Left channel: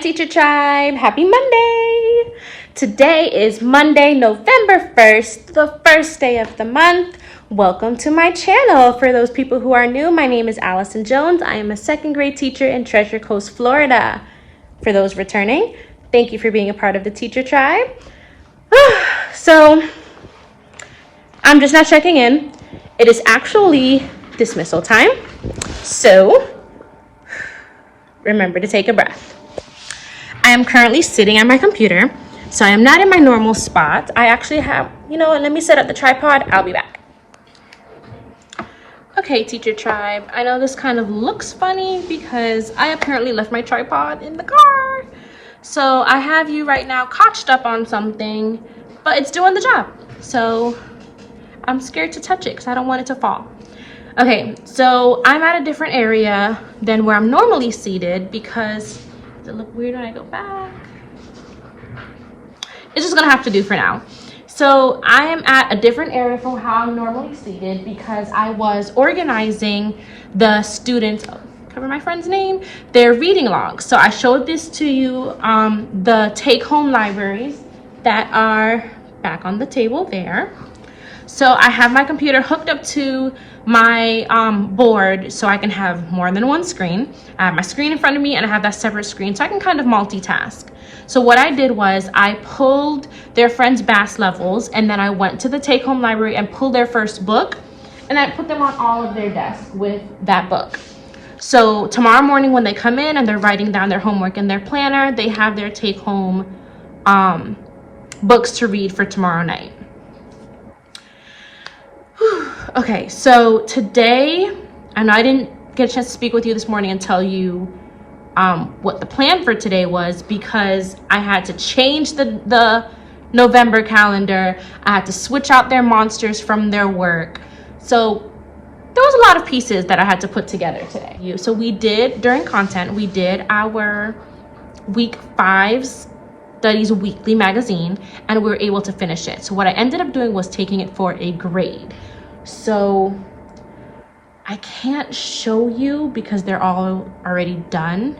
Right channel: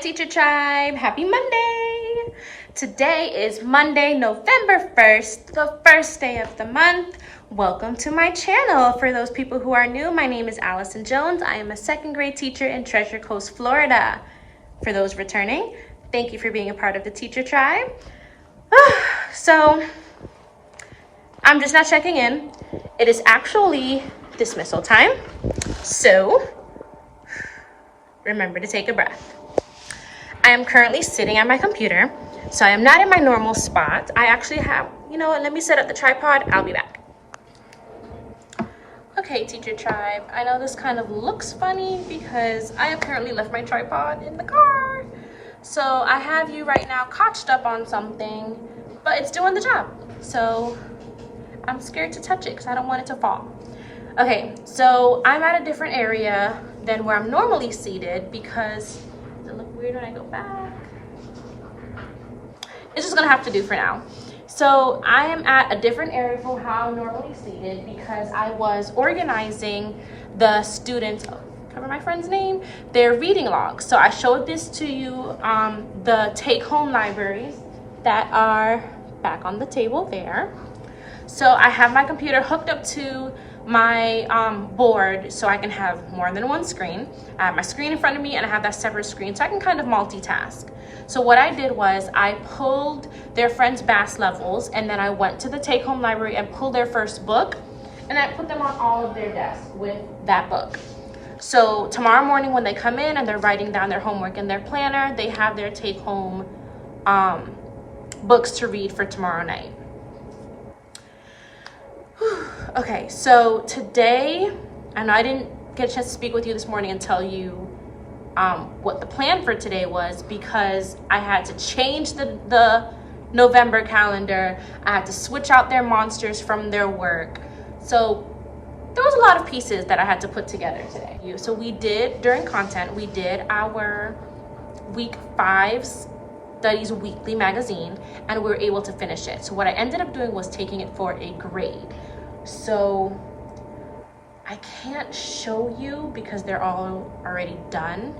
Teacher Tribe. Happy Monday. Today is Monday, November 1st, the first day of the month. Welcome to my channel. For those people who are new, my name is Allison Jones. I am a second grade teacher in Treasure Coast, Florida. For those returning, thank you for being a part of the Teacher Tribe. So, I'm just not checking in. It is actually dismissal time. So, remember to take a breath. I am currently sitting at my computer, so I am not in my normal spot. I actually have, let me set up the tripod. I'll be back. Okay, Teacher Tribe, I know this kind of looks funny because I apparently left my tripod in the car. So I have you right now couched up on something, but it's doing the job. So I'm scared to touch it because I don't want it to fall. Okay, so I'm at a different area than where I'm normally seated because does it look weird when I go back? It's just gonna have to do for now. So I am at a different area from how I'm normally seated because I was organizing the students, cover my friend's name, their reading logs. So I showed this to you, the take-home libraries that are back on the table there. So I have my computer hooked up to my board so I can have more than one screen. I have my screen in front of me and I have that separate screen so I can kind of multitask. So what I did was I pulled their friends' BAS levels and then I went to the take-home library and pulled their first book and I put them on all of their desks with that book. So tomorrow morning when they come in and they're writing down their homework in their planner, they have their take-home books to read for tomorrow night. Okay, so today, I know I didn't get a chance to speak with you this morning and tell you what the plan for today was because I had to change the November calendar. I had to switch out their monsters from their work. So there was a lot of pieces that I had to put together today. So we did, during content, we did our week 5 Studies Weekly magazine and we were able to finish it. So what I ended up doing was taking it for a grade. So I can't show you because they're all already done.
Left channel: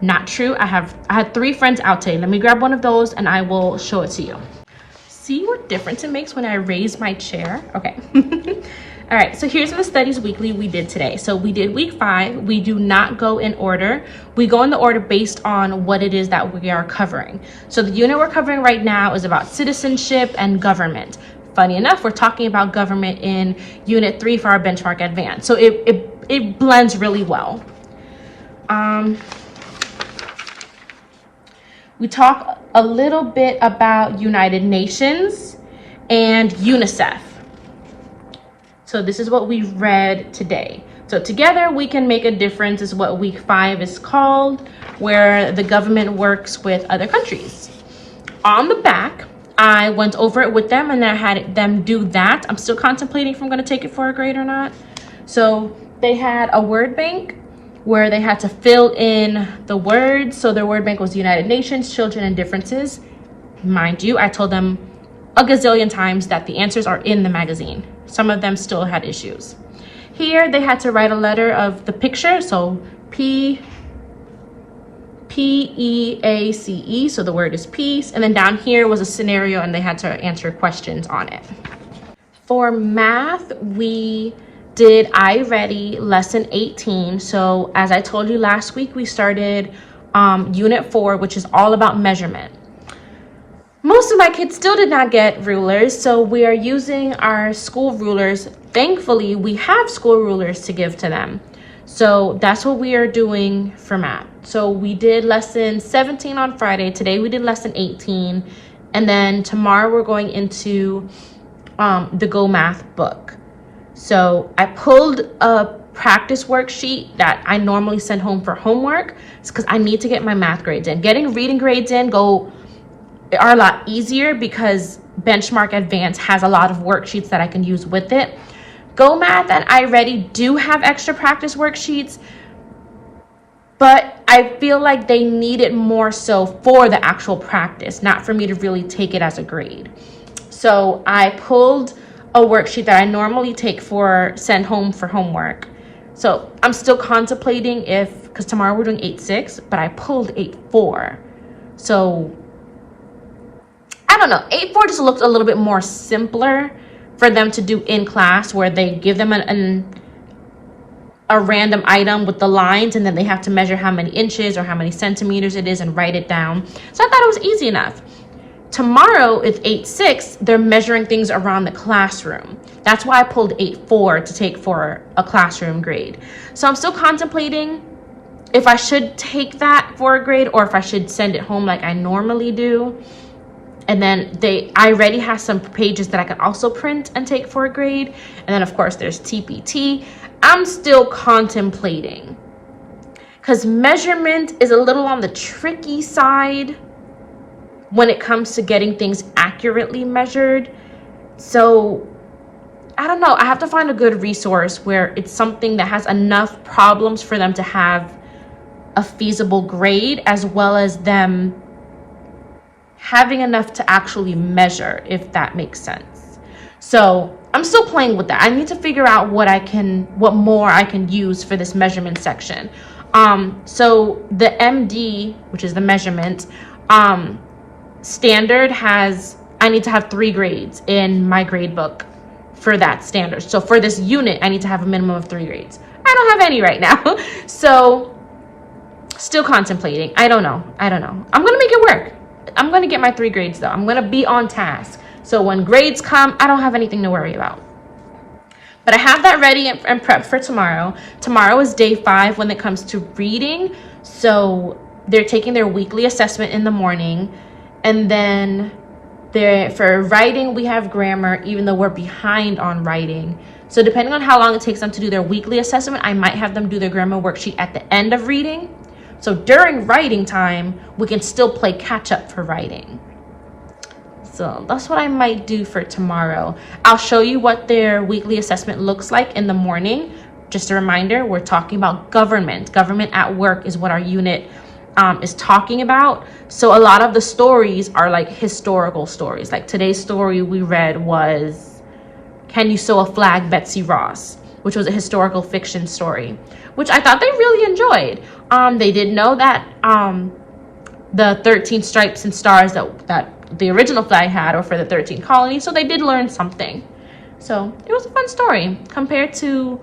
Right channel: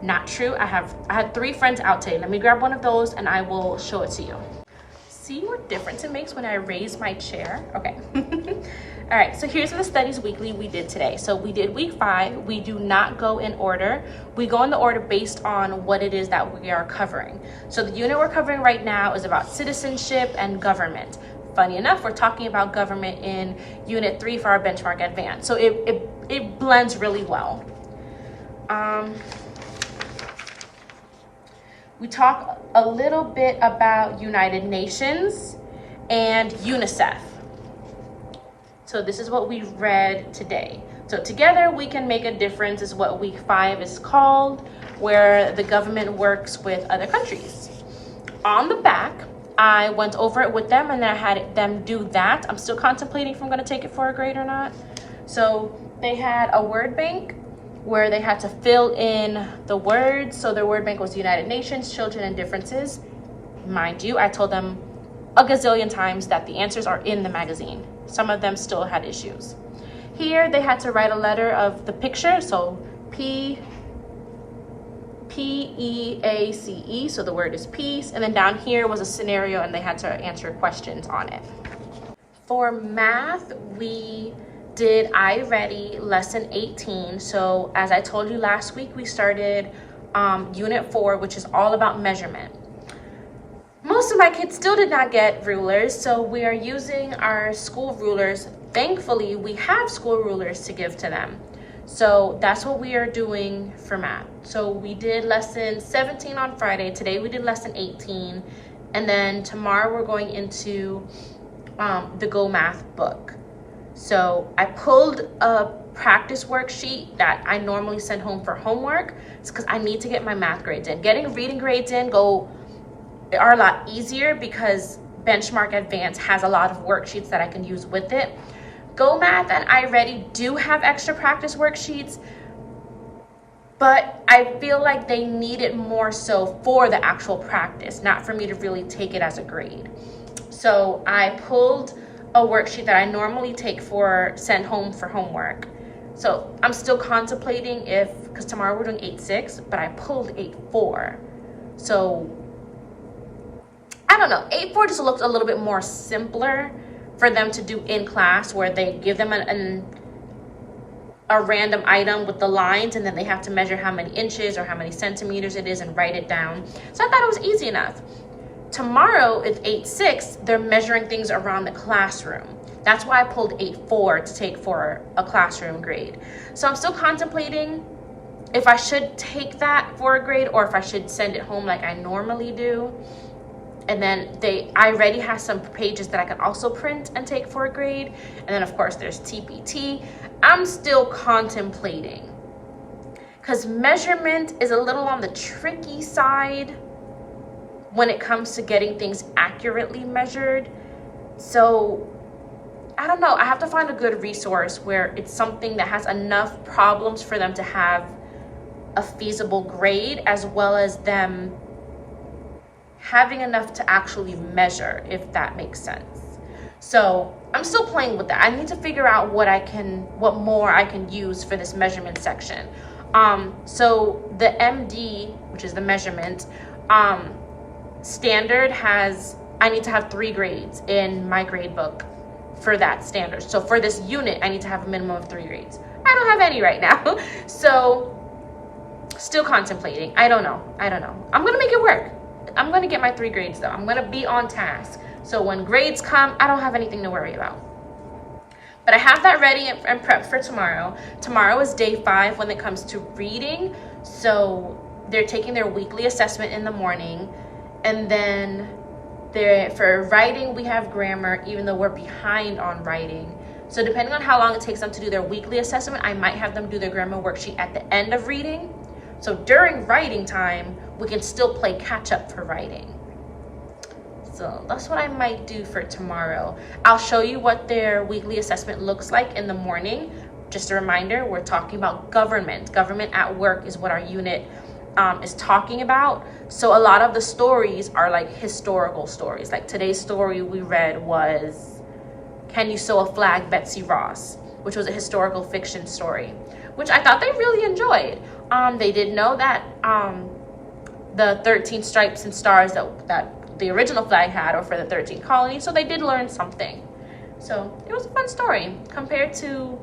Not true. I had 3 friends out today. Let me grab one of those and I will show it to you. See what difference it makes when I raise my chair? Okay. All right, so here's the Studies Weekly we did today. So we did week 5. We do not go in order. We go in the order based on what it is that we are covering. So the unit we're covering right now is about citizenship and government. Funny enough, we're talking about government in Unit 3 for our Benchmark Advanced. So it blends really well. We talk a little bit about United Nations and UNICEF. So this is what we read today. So together we can make a difference is what week 5 is called, where the government works with other countries. On the back, I went over it with them and then I had them do that. I'm still contemplating if I'm gonna take it for a grade or not. So they had a word bank where they had to fill in the words. So their word bank was United Nations, children, and differences. Mind you, I told them a gazillion times that the answers are in the magazine. Some of them still had issues. Here they had to write a letter of the picture. So P-E-A-C-E, so the word is peace. And then down here was a scenario and they had to answer questions on it. For math, we did I Ready lesson 18. So as I told you last week, we started unit 4, which is all about measurement. Most of my kids still did not get rulers, so we are using our school rulers. Thankfully, we have school rulers to give to them. So that's what we are doing for math. So we did lesson 17 on Friday. Today we did lesson 18. And then tomorrow we're going into the Go Math book. So I pulled a practice worksheet that I normally send home for homework. It's because I need to get my math grades in. Getting reading grades in are a lot easier because Benchmark Advanced has a lot of worksheets that I can use with it. Go Math and I Ready do have extra practice worksheets, but I feel like they need it more so for the actual practice, not for me to really take it as a grade. So I pulled a worksheet that I normally take for send home for homework. So I'm still contemplating if because tomorrow we're doing 8-6, but I pulled 8-4. So I don't know, 8-4 just looked a little bit more simpler for them to do in class, where they give them a random item with the lines, and then they have to measure how many inches or how many centimeters it is and write it down. So I thought it was easy enough. Tomorrow it's 8-6, they're measuring things around the classroom. That's why I pulled 8-4 to take for a classroom grade. So I'm still contemplating if I should take that for a grade or if I should send it home like I normally do. And then I already have some pages that I could also print and take for a grade. And then of course there's TPT. I'm still contemplating, because measurement is a little on the tricky side when it comes to getting things accurately measured. So I don't know, I have to find a good resource where it's something that has enough problems for them to have a feasible grade, as well as them having enough to actually measure, if that makes sense. So I'm still playing with that. I need to figure out what more I can use for this measurement section. So the MD, which is the measurement, standard I need to have 3 grades in my grade book for that standard. So for this unit, I need to have a minimum of 3 grades. I don't have any right now. So still contemplating. I don't know. I'm gonna make it work. I'm gonna get my 3 grades though. I'm gonna be on task. So when grades come, I don't have anything to worry about. But I have that ready and prepped for tomorrow. Tomorrow is day 5 when it comes to reading. So they're taking their weekly assessment in the morning. And then for writing, we have grammar, even though we're behind on writing. So depending on how long it takes them to do their weekly assessment, I might have them do their grammar worksheet at the end of reading. So during writing time, we can still play catch up for writing. So that's what I might do for tomorrow. I'll show you what their weekly assessment looks like in the morning. Just a reminder, we're talking about government. Government at work is what our unit is talking about. So a lot of the stories are like historical stories. Like today's story we read was Can You Sew a Flag, Betsy Ross, which was a historical fiction story, which I thought they really enjoyed. They did know that the 13 stripes and stars that the original flag had or for the 13 colonies, so they did learn something. So it was a fun story compared to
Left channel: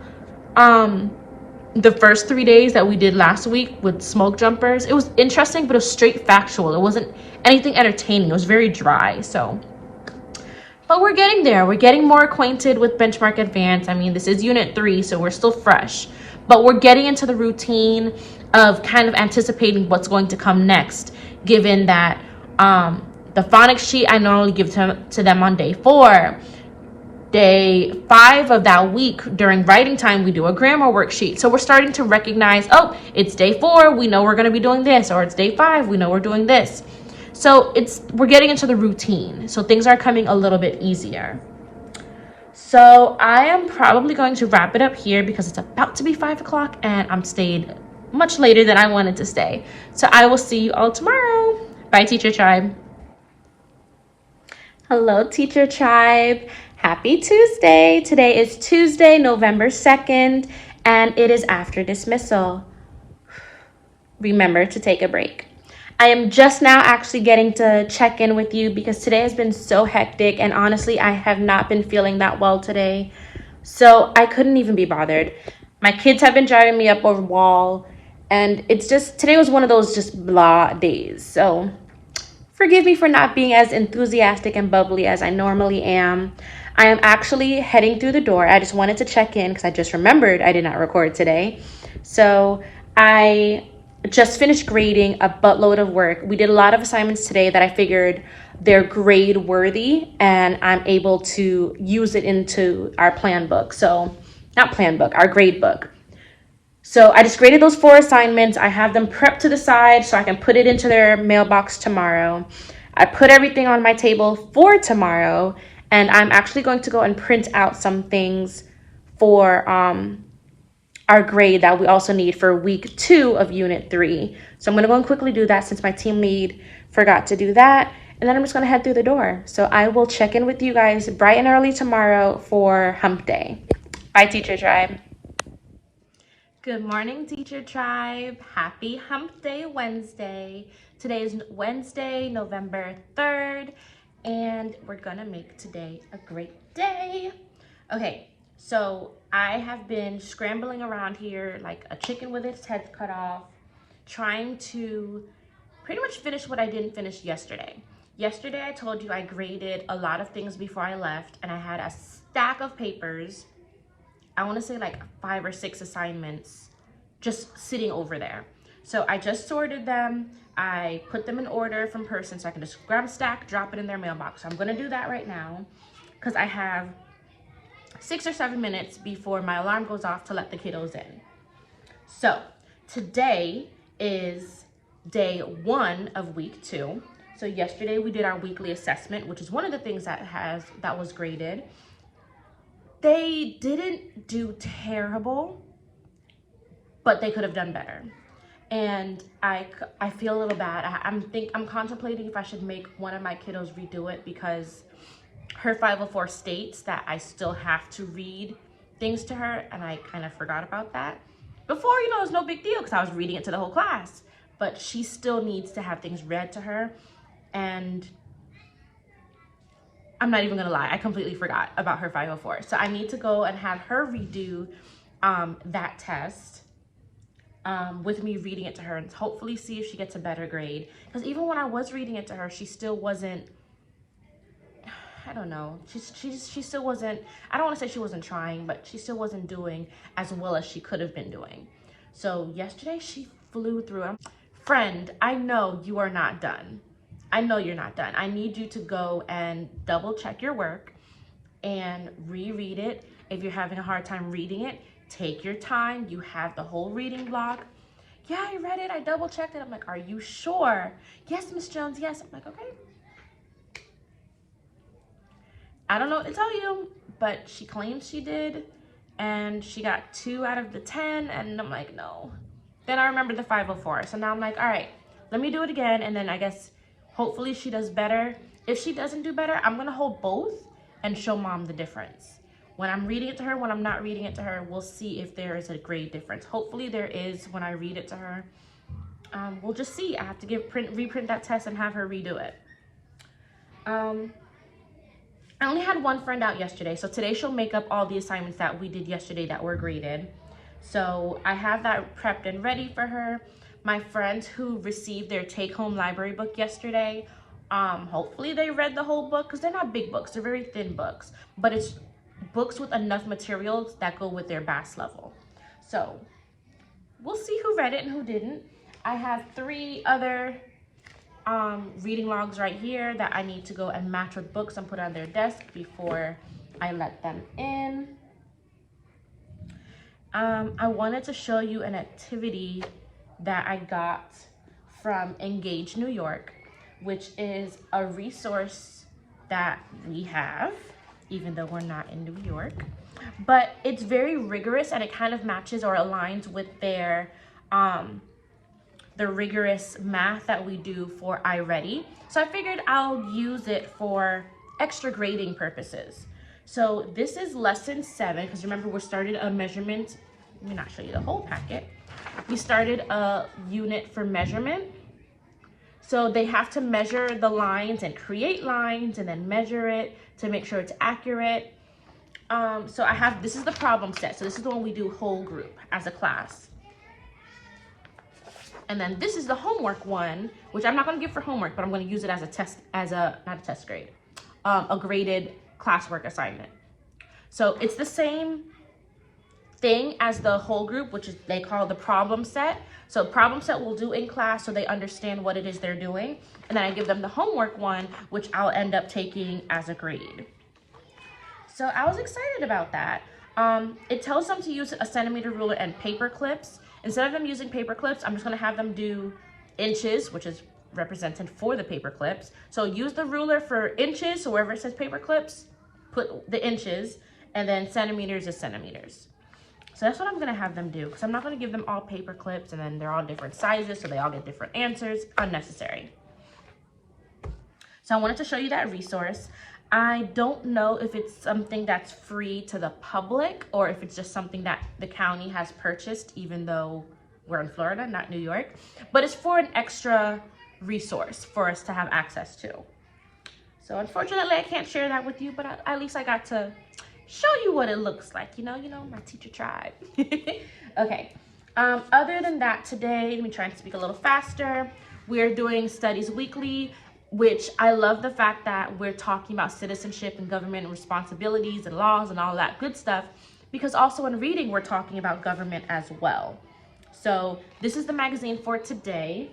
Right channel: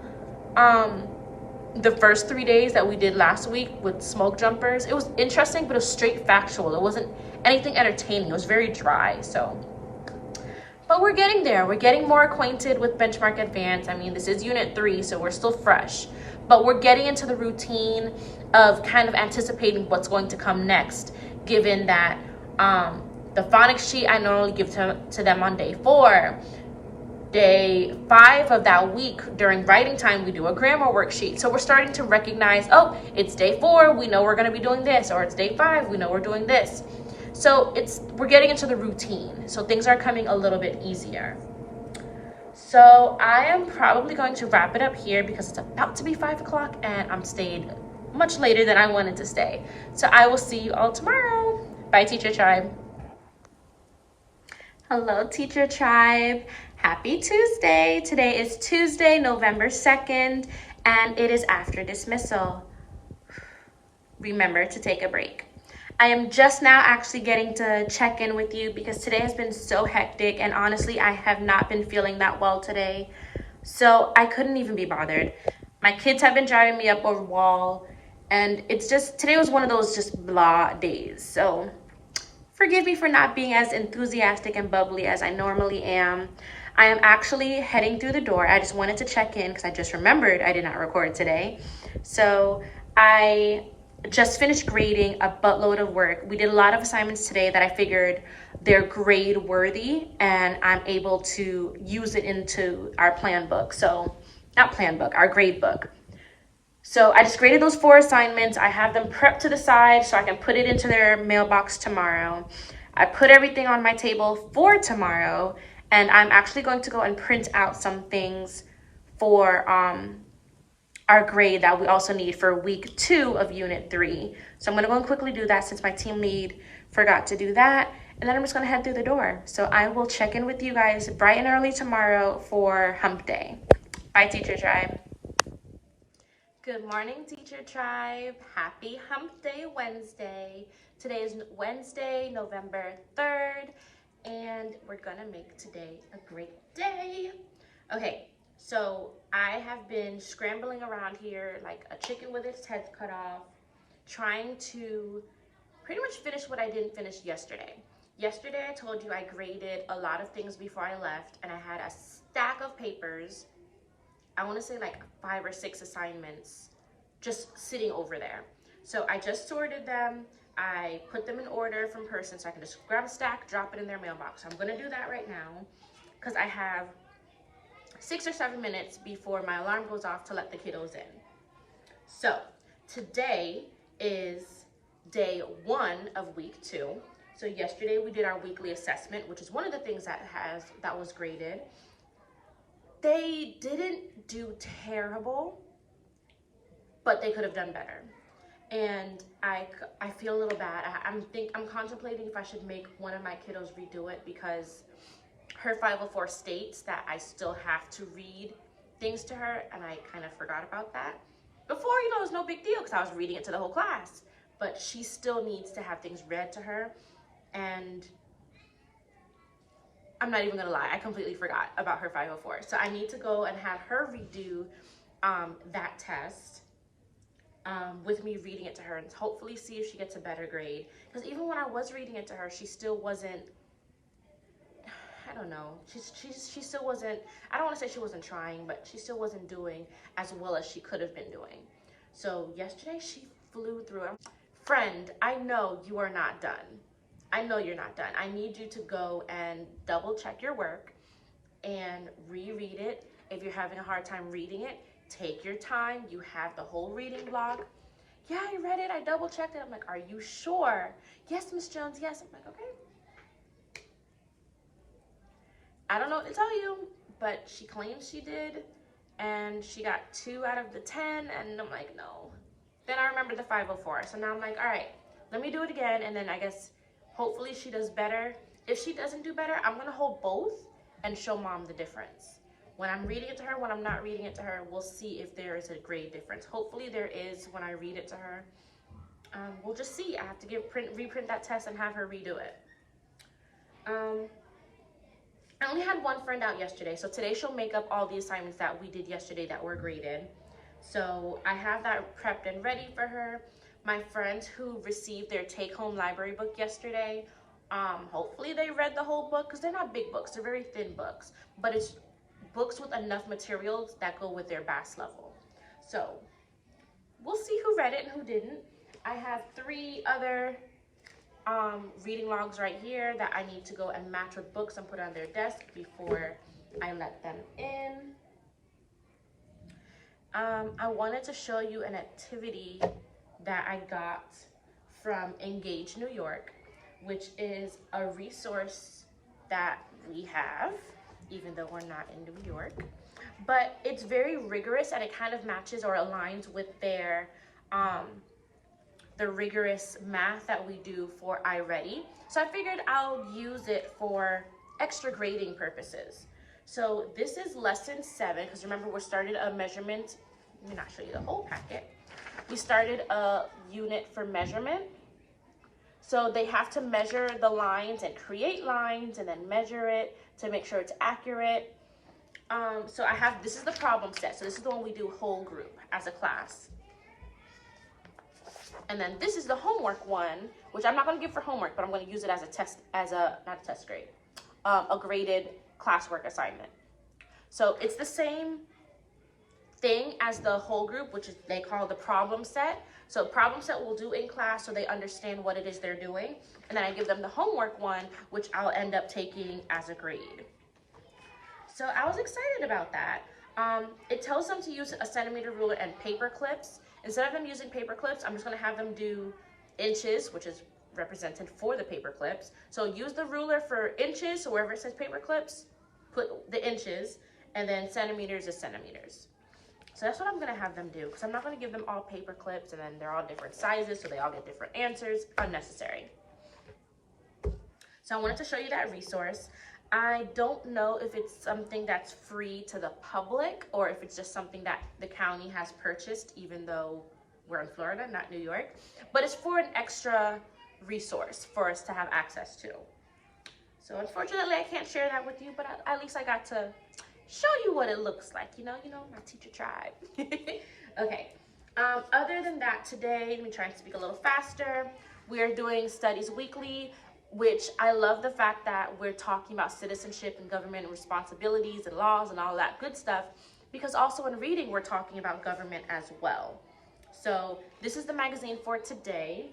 the first 3 days that we did last week with smoke jumpers. It was interesting, but it was straight factual. It wasn't anything entertaining. It was very dry. So, but we're getting there. We're getting more acquainted with Benchmark Advanced. I mean, this is unit 3, so we're still fresh, but we're getting into the routine of kind of anticipating what's going to come next, given that the phonics sheet I normally give to them on day 4. Day 5 of that week during writing time, we do a grammar worksheet. So we're starting to recognize, oh, it's day 4, we know we're going to be doing this, or it's day 5, we know we're doing this. So we're getting into the routine. So things are coming a little bit easier. So I am probably going to wrap it up here because it's about to be 5 o'clock and I'm stayed much later than I wanted to stay. So I will see you all tomorrow. Bye, Teacher Tribe. Hello, Teacher Tribe. Happy Tuesday. Today is Tuesday, November 2nd, and it is after dismissal. Remember to take a break. I am just now actually getting to check in with you because today has been so hectic, and honestly, I have not been feeling that well today. So I couldn't even be bothered. My kids have been driving me up a wall, and it's just, today was one of those just blah days. So forgive me for not being as enthusiastic and bubbly as I normally am. I am actually heading through the door. I just wanted to check in because I just remembered I did not record today. So I just finished grading a buttload of work. We did a lot of assignments today that I figured they're grade worthy and I'm able to use it into our plan book. So not plan book, our grade book. So I just graded those 4 assignments. I have them prepped to the side so I can put it into their mailbox tomorrow. I put everything on my table for tomorrow, and I'm actually going to go and print out some things for our grade that we also need for week 2 of unit 3. So I'm going to go and quickly do that since my team lead forgot to do that. And then I'm just going to head through the door. So I will check in with you guys bright and early tomorrow for hump day. Bye, Teacher Tribe. Good morning, Teacher Tribe. Happy Hump Day Wednesday. Today is Wednesday, November 3rd, and we're gonna make today a great day. Okay, so I have been scrambling around here like a chicken with its head cut off, trying to pretty much finish what I didn't finish yesterday. Yesterday, I told you I graded a lot of things before I left, and I had a stack of papers. I want to say like 5 or 6 assignments just sitting over there. So I just sorted them. I put them in order from person so I can just grab a stack, drop it in their mailbox. So I'm going to do that right now because I have 6 or 7 minutes before my alarm goes off to let the kiddos in. So today is day 1 of week 2. So yesterday we did our weekly assessment, which is one of the things that was graded. They didn't do terrible, but they could have done better. And I feel a little bad. I'm contemplating if I should make one of my kiddos redo it because her 504 states that I still have to read things to her, and I kind of forgot about that. Before, it was no big deal because I was reading it to the whole class, but she still needs to have things read to her, and I'm not even gonna lie, I completely forgot about her 504. So I need to go and have her redo that test with me reading it to her and hopefully see if she gets a better grade. Because even when I was reading it to her, she still wasn't, I don't know, she still wasn't, I don't wanna say she wasn't trying, but she still wasn't doing as well as she could have been doing. So yesterday she flew through it. Friend, I know you are not done. I know you're not done. I need you to go and double check your work and reread it. If you're having a hard time reading it, take your time. You have the whole reading block. Yeah, I read it. I double checked it. I'm like, are you sure? Yes, Miss Jones, yes. I'm like, okay. I don't know what to tell you, but she claims she did, and she got 2 out of the 10, and I'm like, no. Then I remembered the 504, so now I'm like, all right, let me do it again, and then I guess hopefully she does better. If she doesn't do better, I'm gonna hold both and show mom the difference. When I'm reading it to her, when I'm not reading it to her, we'll see if there is a grade difference. Hopefully there is when I read it to her. We'll just see. I have to reprint that test and have her redo it. I only had one friend out yesterday, so today she'll make up all the assignments that we did yesterday that were graded. So I have that prepped and ready for her. My friends who received their take-home library book yesterday, hopefully they read the whole book because they're not big books, they're very thin books, but it's books with enough materials that go with their BAS level. So we'll see who read it and who didn't. I have 3 other reading logs right here that I need to go and match with books and put on their desk before I let them in. I wanted to show you an activity that I got from Engage New York, which is a resource that we have, even though we're not in New York, but it's very rigorous and it kind of matches or aligns with their the rigorous math that we do for iReady. So I figured I'll use it for extra grading purposes. So this is lesson 7, because remember we started a measurement. Let me not show you the whole packet. We started a unit for measurement. So they have to measure the lines and create lines and then measure it to make sure it's accurate. So this is the problem set. So this is the one we do whole group as a class. And then this is the homework one, which I'm not gonna give for homework, but I'm gonna use it as a test, not a test grade, a graded classwork assignment. So it's the same thing as the whole group, which is they call the problem set. So problem set we'll do in class so they understand what it is they're doing. And then I give them the homework one, which I'll end up taking as a grade. So I was excited about that. It tells them to use a centimeter ruler and paper clips. Instead of them using paper clips, I'm just gonna have them do inches, which is represented for the paper clips. So use the ruler for inches, so wherever it says paper clips, put the inches, and then centimeters is centimeters. So that's what I'm gonna have them do, because I'm not gonna give them all paper clips and then they're all different sizes, so they all get different answers. Unnecessary. So I wanted to show you that resource. I don't know if it's something that's free to the public or if it's just something that the county has purchased, even though we're in Florida, not New York. But it's for an extra resource for us to have access to. So unfortunately, I can't share that with you, but at least I got to show you what it looks like. You know, my teacher tribe. Okay. Other than that, today, let me try and speak a little faster. We're doing Studies Weekly, which I love the fact that we're talking about citizenship and government and responsibilities and laws and all that good stuff, because also in reading, we're talking about government as well. So this is the magazine for today.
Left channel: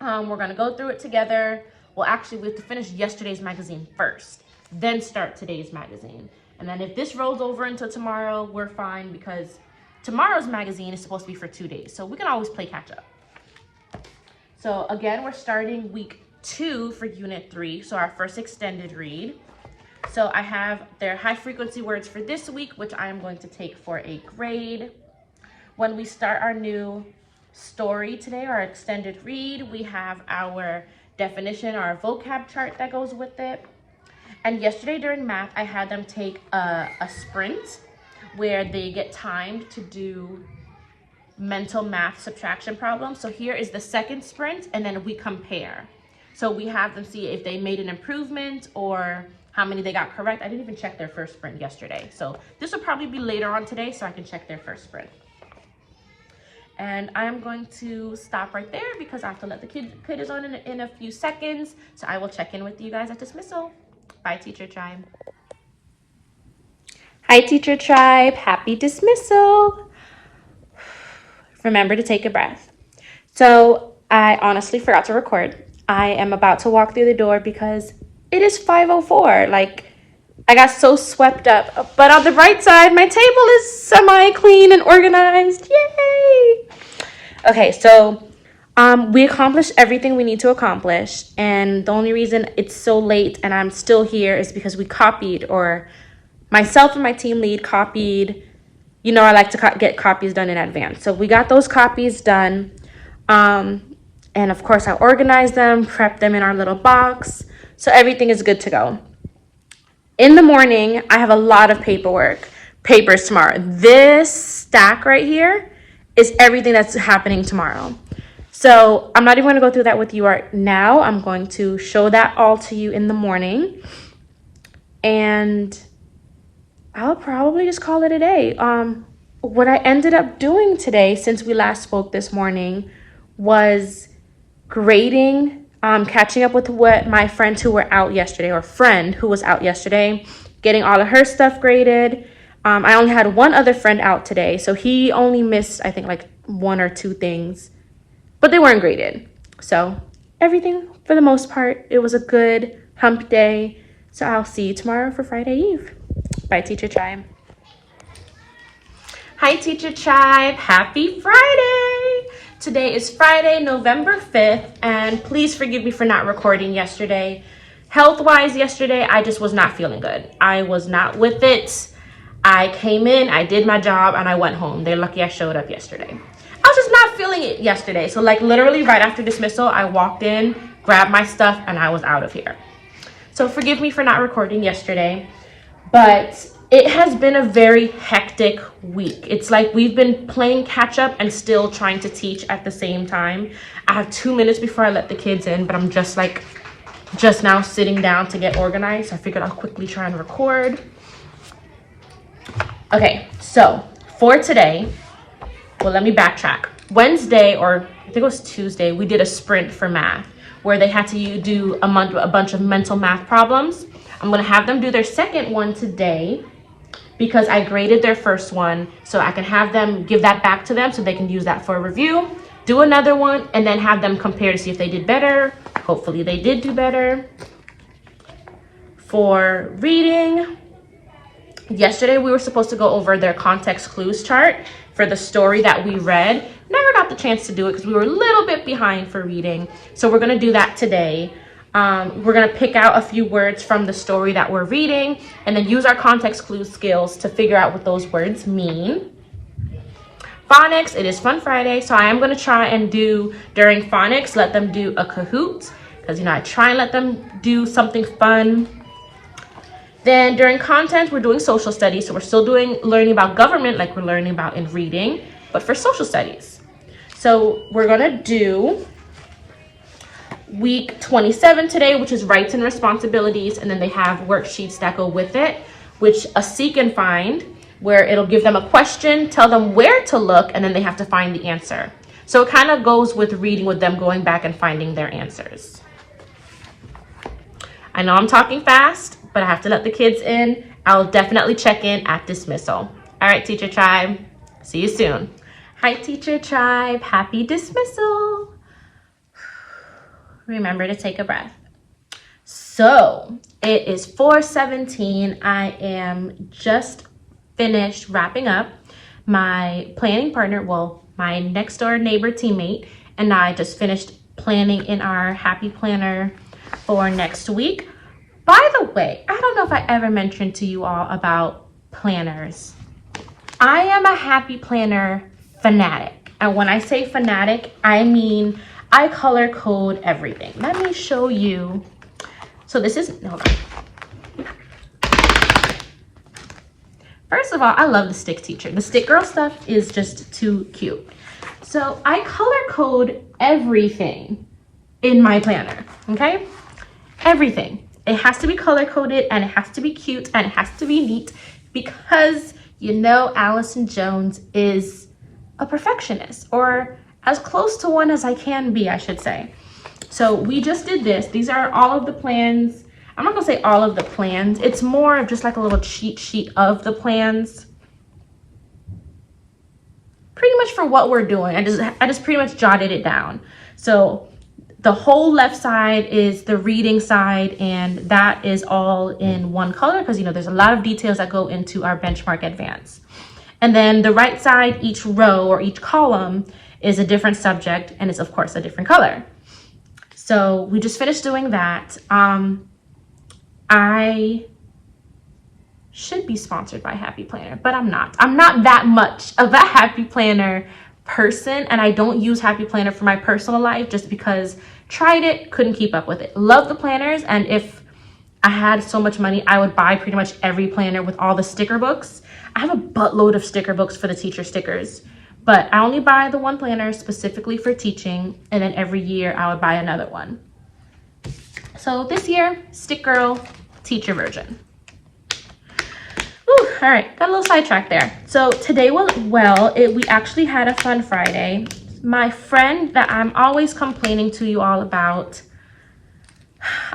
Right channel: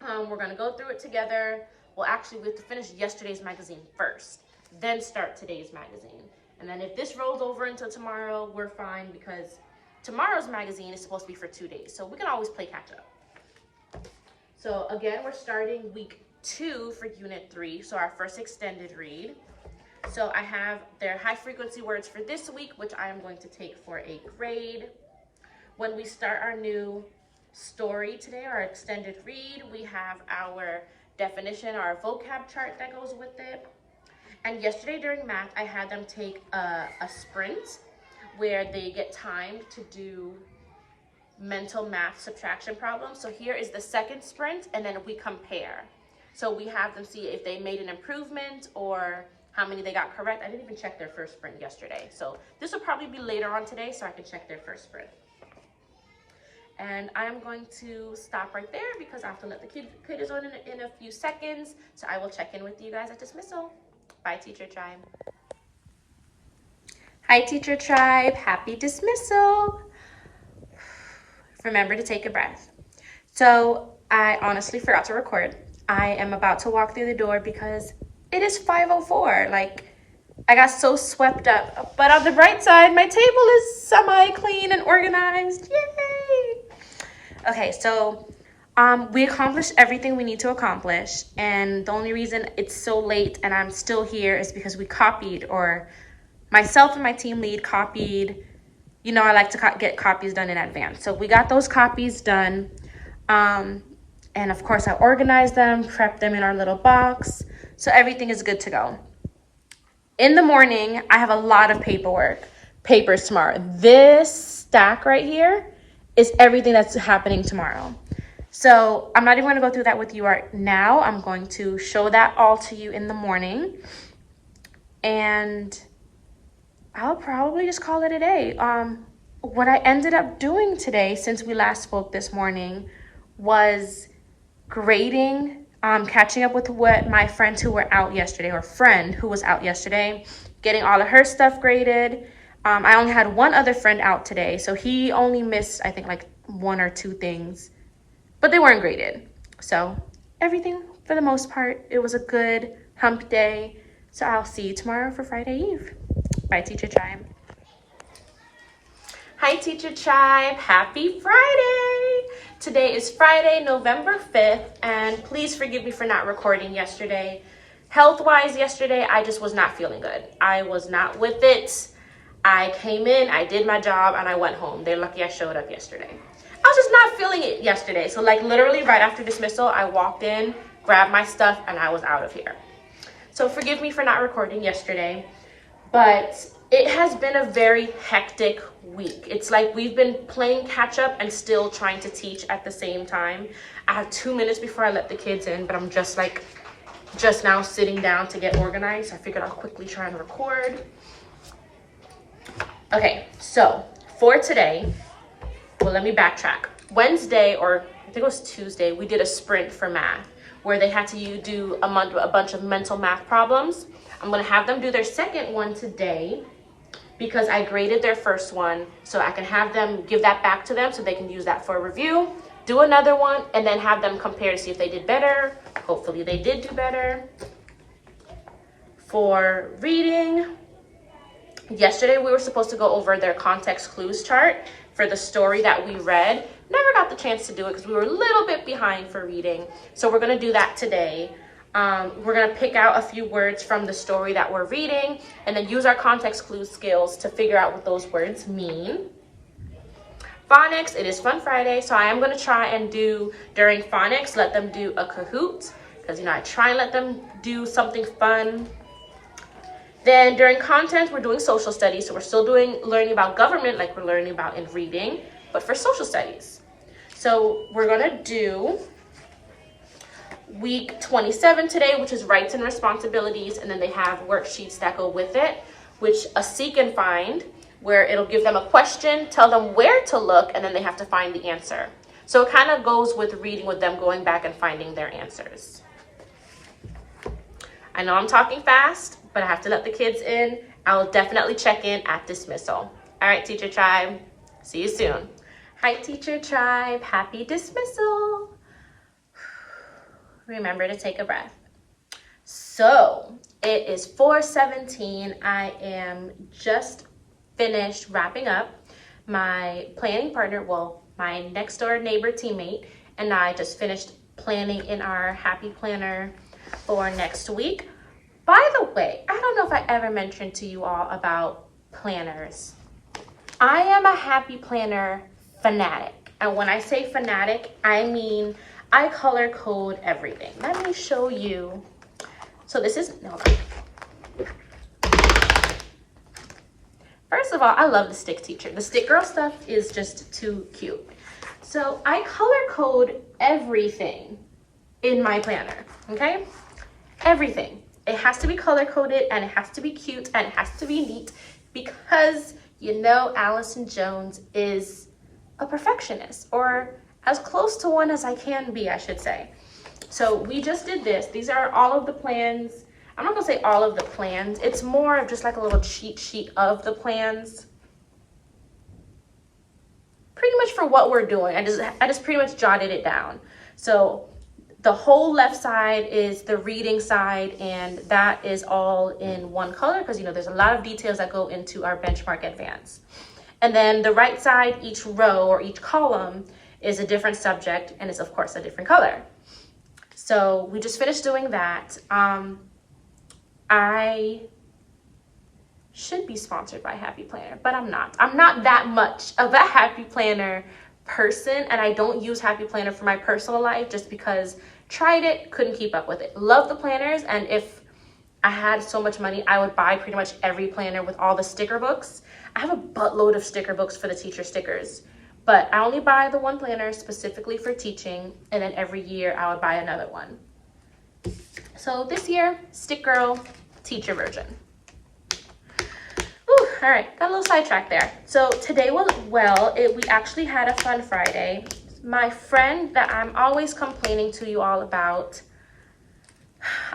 We're gonna go through it together. Well, actually, we have to finish yesterday's magazine first, then start today's magazine. And then if this rolls over until tomorrow, we're fine, because tomorrow's magazine is supposed to be for 2 days. So we can always play catch up. So again, we're starting week 2 for unit 3. So our first extended read. So I have their high frequency words for this week, which I am going to take for a grade. When we start our new story today, our extended read, we have our definition, our vocab chart that goes with it. And yesterday during math, I had them take a sprint where they get timed to do mental math subtraction problems. So here is the second sprint, and then we compare. So we have them see if they made an improvement or how many they got correct. I didn't even check their first sprint yesterday. So this will probably be later on today so I can check their first sprint. And I am going to stop right there because I have to let the kiddos on in a few seconds. So I will check in with you guys at dismissal. Bye, Teacher Tribe. Hi, Teacher Tribe. Happy dismissal. Remember to take a breath. So I honestly forgot to record. I am about to walk through the door because it is 5:04. Like, I got so swept up. But on the bright side, my table is semi-clean and organized. Yay! Okay, so we accomplished everything we need to accomplish. And the only reason it's so late and I'm still here is because we copied, or myself and my team lead copied. You know, I like to get copies done in advance. So we got those copies done. And of course, I organized them, prepped them in our little box. So everything is good to go. In the morning, I have a lot of papers tomorrow. This stack right here is everything that's happening tomorrow. So I'm not even going to go through that with you right now. I'm going to show that all to you in the morning. And I'll probably just call it a day. What I ended up doing today, since we last spoke this morning, was grading, catching up with what my friends who were out yesterday, or friend who was out yesterday, getting all of her stuff graded. I only had one other friend out today, so he only missed, I think, like 1 or 2 things, but they weren't graded. So everything, for the most part, it was a good hump day. So I'll see you tomorrow for Friday Eve. Bye, Teacher Tribe. Hi, Teacher Tribe. Happy Friday. Today is Friday, November 5th, and please forgive me for not recording yesterday. Health-wise, yesterday, I just was not feeling good. I was not with it. I came in, I did my job, and I went home. They're lucky I showed up yesterday. I was just not feeling it yesterday. So like literally right after dismissal, I walked in, grabbed my stuff, and I was out of here. So forgive me for not recording yesterday, but it has been a very hectic week. It's like we've been playing catch up and still trying to teach at the same time. I have 2 minutes before I let the kids in, but I'm just now sitting down to get organized. So I figured I'll quickly try and record. Okay, so for today, well, let me backtrack. Wednesday, or I think it was Tuesday, we did a sprint for math where they had to do a bunch of mental math problems. I'm gonna have them do their second one today because I graded their first one, so I can have them give that back to them so they can use that for a review, do another one, and then have them compare to see if they did better. Hopefully they did do better. For reading, yesterday we were supposed to go over their context clues chart for the story that we read. Never got the chance to do it because we were a little bit behind for reading. So we're gonna do that today. We're gonna pick out a few words from the story that we're reading and then use our context clues skills to figure out what those words mean. Phonics, it is Fun Friday, so I am gonna try and do, during phonics, let them do a Kahoot, because I try and let them do something fun. Then during content, we're doing social studies. So we're still learning about government like we're learning about in reading, but for social studies. So we're gonna do week 27 today, which is rights and responsibilities. And then they have worksheets that go with it, which a seek and find, where it'll give them a question, tell them where to look, and then they have to find the answer. So it kind of goes with reading, with them going back and finding their answers. I know I'm talking fast, but I have to let the kids in. I'll definitely check in at dismissal. All right, Teacher Tribe, see you soon. Hi, Teacher Tribe, happy dismissal. Remember to take a breath. So it is 4:17. I am just finished wrapping up. My planning partner, well, my next door neighbor teammate, and I just finished planning in our happy planner for next week. By the way, I don't know if I ever mentioned to you all about planners. I am a happy planner fanatic. And when I say fanatic, I mean I color code everything. Let me show you. So this is, hold on. First of all, I love the stick teacher. The stick girl stuff is just too cute. So I color code everything in my planner, okay? Everything. It has to be color coded, and it has to be cute, and it has to be neat, because you know Allison Jones is a perfectionist, or as close to one as I can be, I should say. So we just did this. These are all of the plans. I'm not gonna say all of the plans. It's more of just like a little cheat sheet of the plans. Pretty much for what we're doing. I just pretty much jotted it down. So the whole left side is the reading side, and that is all in one color because, you know, there's a lot of details that go into our benchmark advance. And then the right side, each row or each column is a different subject, and it's of course a different color. So we just finished doing that. I should be sponsored by Happy Planner, but I'm not. I'm not that much of a Happy Planner person, and I don't use Happy Planner for my personal life just because tried it, couldn't keep up with it. Love the planners, and if I had so much money, I would buy pretty much every planner with all the sticker books. I have a buttload of sticker books for the teacher stickers, but I only buy the one planner specifically for teaching, and then every year I would buy another one. So this year, Stick Girl teacher version. Ooh, all right, got a little sidetracked there. So today went well. We actually had a fun Friday. My friend that I'm always complaining to you all about,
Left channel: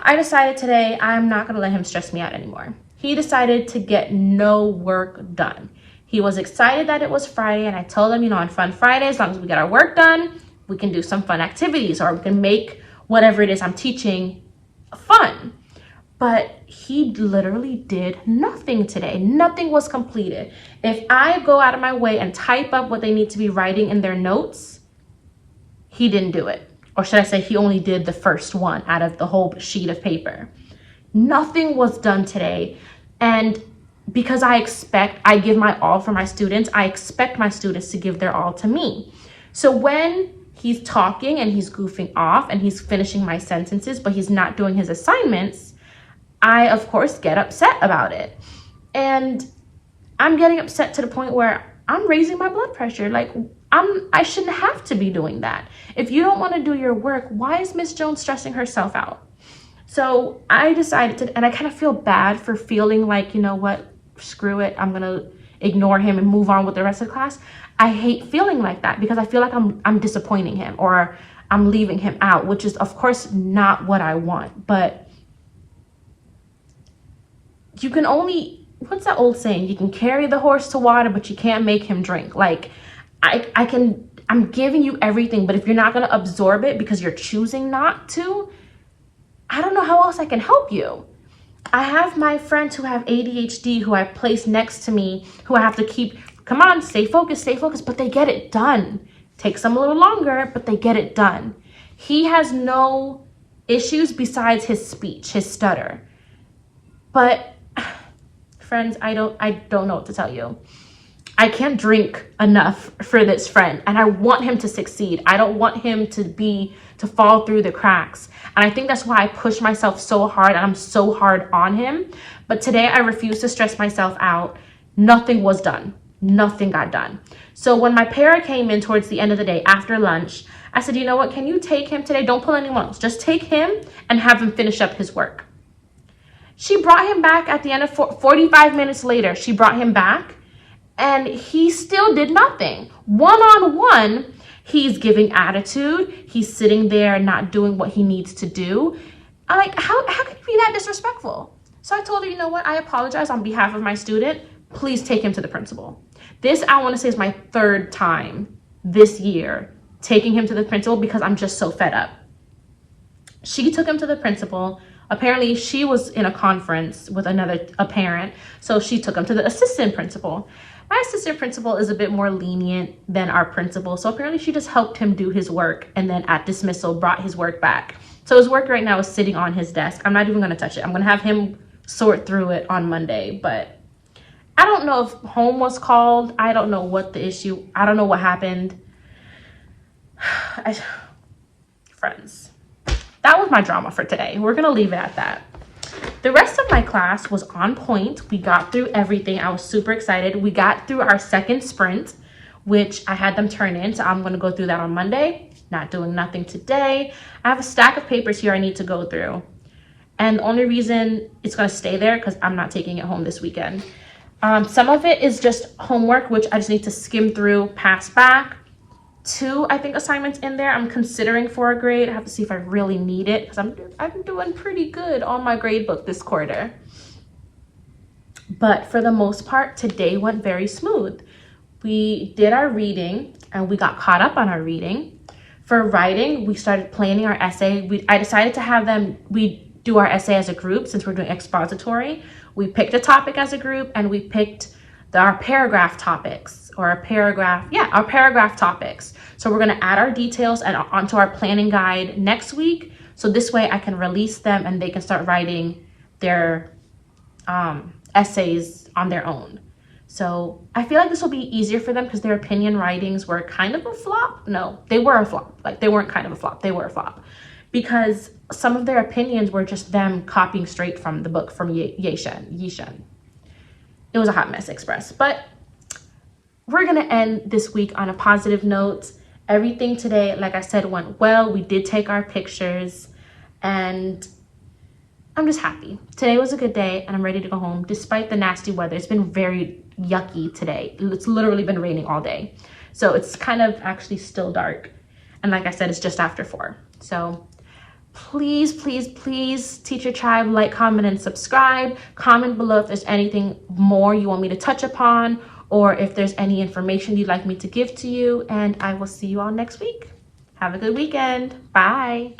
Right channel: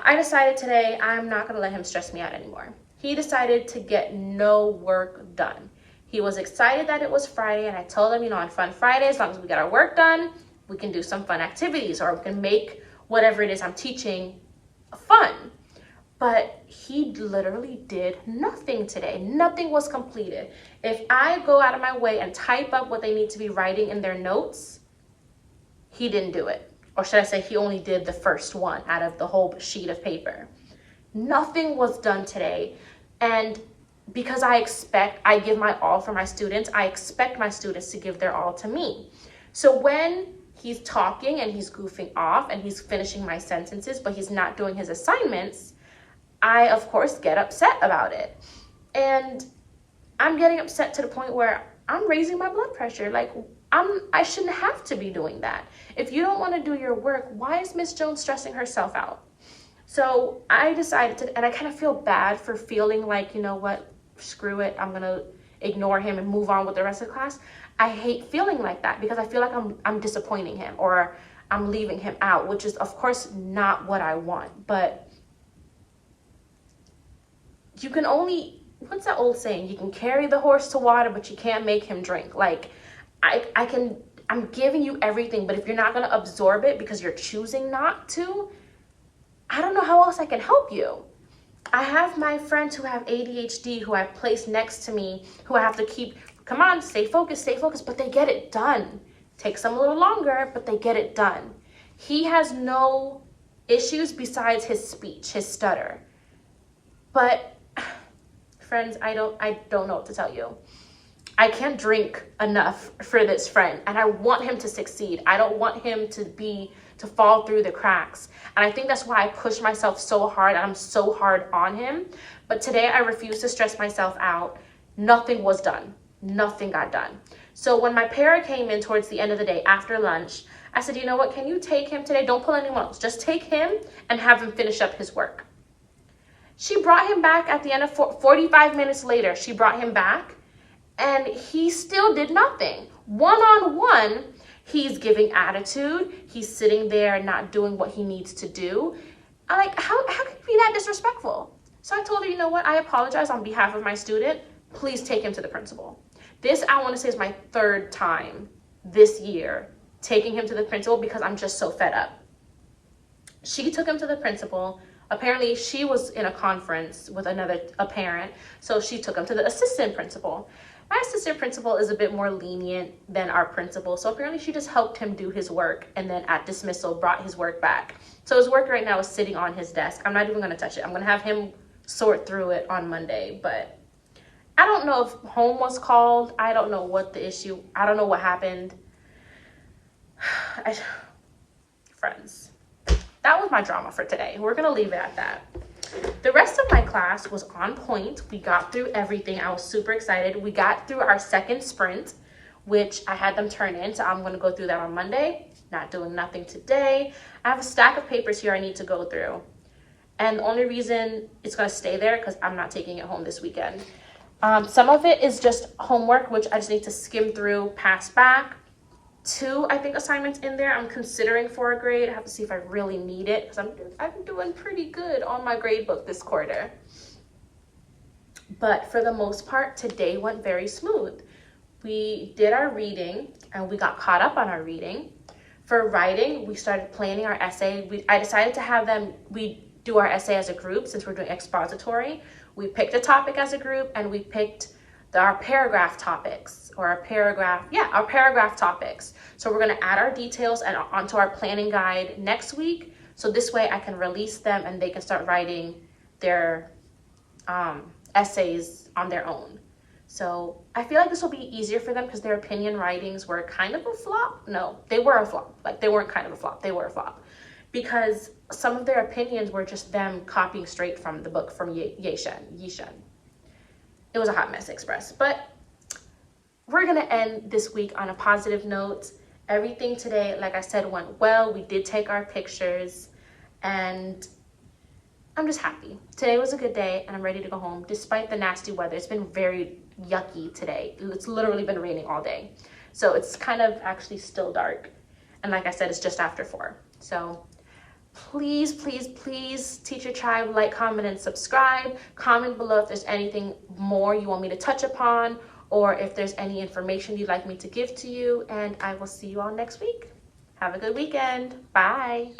I decided today I'm not gonna let him stress me out anymore. He decided to get no work done. He was excited that it was Friday, and I told him, you know, on Fun Friday, as long as we get our work done, we can do some fun activities, or we can make whatever it is I'm teaching fun. But he literally did nothing today. Nothing was completed. If I go out of my way and type up what they need to be writing in their notes, he didn't do it. Or should I say he only did the first one out of the whole sheet of paper. Nothing was done today. And because I give my all for my students, I expect my students to give their all to me. So when he's talking and he's goofing off and he's finishing my sentences, but he's not doing his assignments, I, of course, get upset about it. And I'm getting upset to the point where I'm raising my blood pressure. Like, I shouldn't have to be doing that. If you don't want to do your work, why is Miss Jones stressing herself out? So I decided to, and I kind of feel bad for feeling like, you know what, screw it, I'm going to ignore him and move on with the rest of the class. I hate feeling like that because I feel like I'm disappointing him, or I'm leaving him out, which is, of course, not what I want. But you can only, what's that old saying? You can carry the horse to water, but you can't make him drink. Like, I'm giving you everything, but if you're not going to absorb it because you're choosing not to, I don't know how else I can help you. I have my friends who have ADHD who I place next to me, who I have to keep, come on, stay focused, but they get it done. Takes them a little longer, but they get it done. He has no issues besides his speech, his stutter. But friends, I don't know what to tell you. I can't drink enough for this friend, and I want him to succeed. I don't want him to fall through the cracks. And I think that's why I push myself so hard, and I'm so hard on him. But today I refuse to stress myself out. Nothing was done. Nothing got done. So when my para came in towards the end of the day after lunch, I said, you know what, can you take him today? Don't pull anyone else. Just take him and have him finish up his work. She brought him back at the end of 45 minutes later. She brought him back. And he still did nothing. One-on-one, he's giving attitude. He's sitting there not doing what he needs to do. I'm like, how can you be that disrespectful? So I told her, you know what? I apologize on behalf of my student. Please take him to the principal. This, I want to say, is my 3rd time this year taking him to the principal because I'm just so fed up. She took him to the principal. Apparently, she was in a conference with a parent, so she took him to the assistant principal. My assistant principal is a bit more lenient than our principal, so apparently she just helped him do his work and then at dismissal brought his work back. So his work right now is sitting on his desk. I'm not even going to touch it. I'm going to have him sort through it on Monday, but I don't know if home was called. I don't know what the issue, I don't know what happened. Friends, that was my drama for today. We're going to leave it at that. The rest of my class was on point. We got through everything. I was super excited. We got through our 2nd sprint, which I had them turn in. So I'm going to go through that on Monday. Not doing nothing today. I have a stack of papers here I need to go through. And the only reason it's going to stay there because I'm not taking it home this weekend. Some of it is just homework, which I just need to skim through, pass back. 2, I think, assignments in there. I'm considering for a grade. I have to see if I really need it because I'm doing pretty good on my grade book this quarter. But for the most part, today went very smooth. We did our reading and we got caught up on our reading. For writing, we started planning our essay. I decided to have we do our essay as a group since we're doing expository. We picked a topic as a group and we picked our paragraph topics or our paragraph topics. So we're going to add our details and onto our planning guide next week. So this way I can release them and they can start writing their essays on their own. So I feel like this will be easier for them because their opinion writings were kind of a flop. No, they were a flop. Like they weren't kind of a flop. They were a flop because some of their opinions were just them copying straight from the book from Yishan. It was a hot mess express, but we're going to end this week on a positive note. Everything today, like I said, went well. We did take our pictures and I'm just happy. Today was a good day and I'm ready to go home despite the nasty weather. It's been very yucky today. It's literally been raining all day. So it's kind of actually still dark. And like I said, it's just after 4. So please, please, please, Teacher Tribe, like, comment, and subscribe. Comment below if there's anything more you want me to touch upon or if there's any information you'd like me to give to you. And I will see you all next week. Have a good weekend. Bye.